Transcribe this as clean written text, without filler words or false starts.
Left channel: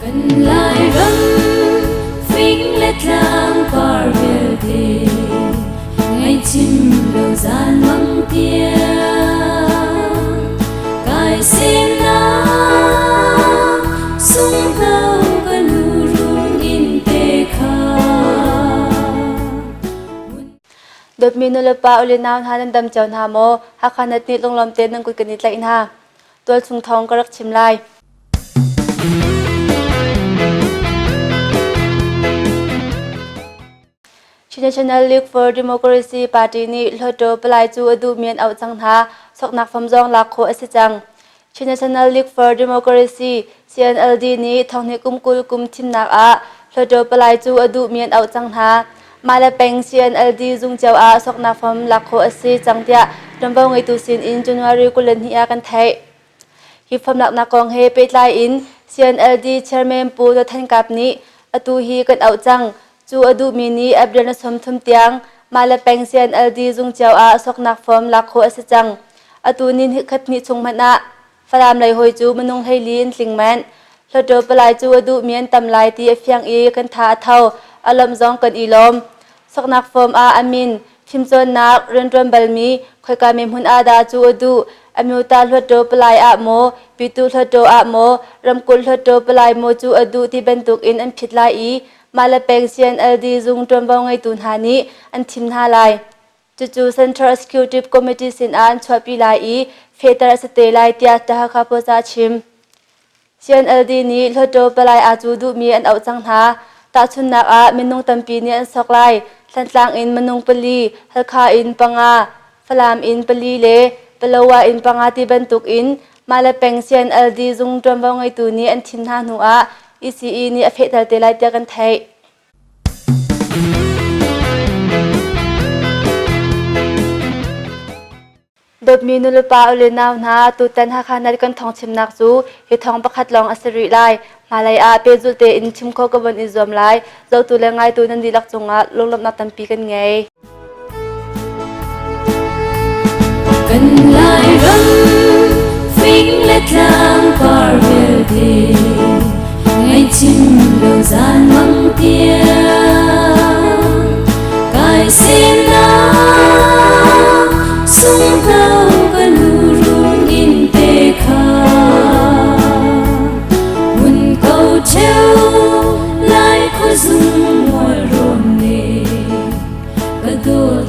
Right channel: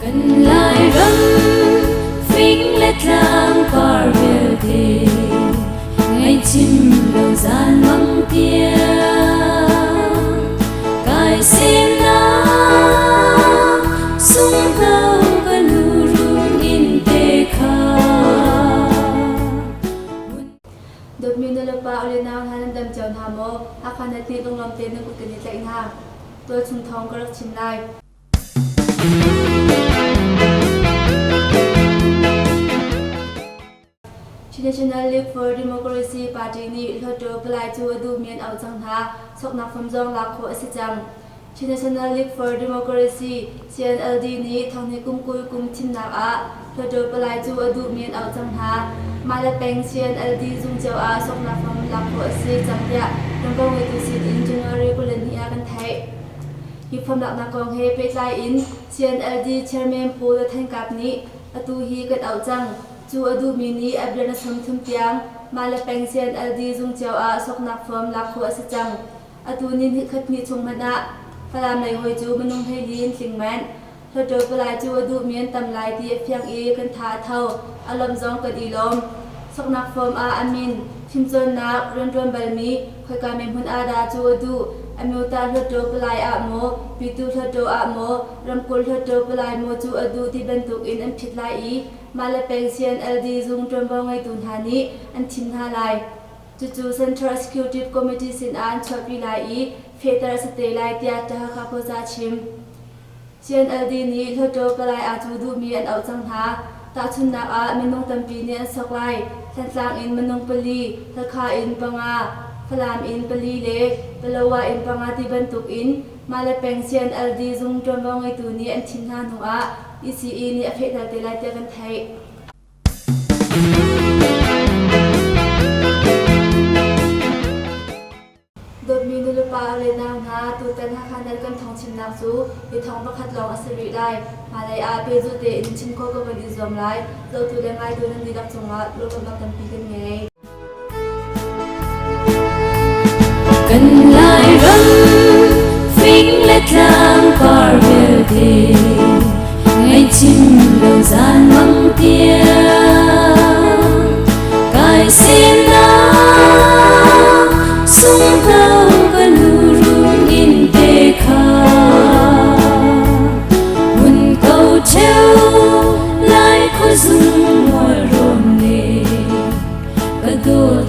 Cần lại râm phính lết lang par về thề ngày chim đầu gian măng tia cài xin na sung thâu cần rung in tê kha Dot minula pa uli na hanan dam chawn ha mo hakanat ni long lom ten ng kukanit la in ha tual sung thong karak chimlai National League for Democracy Party ni Lhoto Palai chu adu mian au chang ha soknak famjong lakho asijang National League for Democracy CNLD ni thongni kumkul kum thimnak a Lhoto Palai chu adu mian au chang ha malapeng CNLD zung chaw a soknak fam lakho asi changtia tambau ngai tu sin in January kulan hi a kan thai hi pham lak na kong he petlai in CNLD chairman pu do than kap ni atu hi kan au chang chu adu mini abdana somthum tiang malapeng CNLD zung chaw a soknak fam lakho asachang atu nin khatni chungmana faram lai hoi chu manung heilin tlingman Lhoto Palai chu adu mian tamlai ti afyang e kan tha thau alam zong kan ilom soknak fam a amin thimchon nak renrom balmi khoika mem hun ada chu adu amuta Lhoto Palai a mo pitu Lhoto a mo ramkul Lhoto Palai mo chu adu ti bentuk in an phitlai i malapeng CNLD zung tombao ngai tun hani an thim ha lai chu Central Executive Committee sin an chwapi lai i fetar sate lai tia ta kha po za chim CNLD ni Lhoto Palai a chu du mi an au chang tha ta chun nak a menung tampi ni an sok lai thantlang in manung pali halkha in panga falam in pali le palawa in panga ti bantuk in malapeng CNLD zung tombao ngai tu ni an thim ha nu a ECE ni afet dal te lai tia kan thai Dot minula pa uli na na tutan ha khanal kan thong chimnak chu hi thong pakhat long asari lai malai a pe zu te in chim kho ka ban izom lai zo tu le ngai tu nan dilak chunga longlom na tampi kan ngai Cần lại râm phính lết lang par về thề ngày chim đầu gian măng tia cài xin na sung thâu cần rung in tê kha buồn câu treo lại khói rung môi rộn nề cả đôi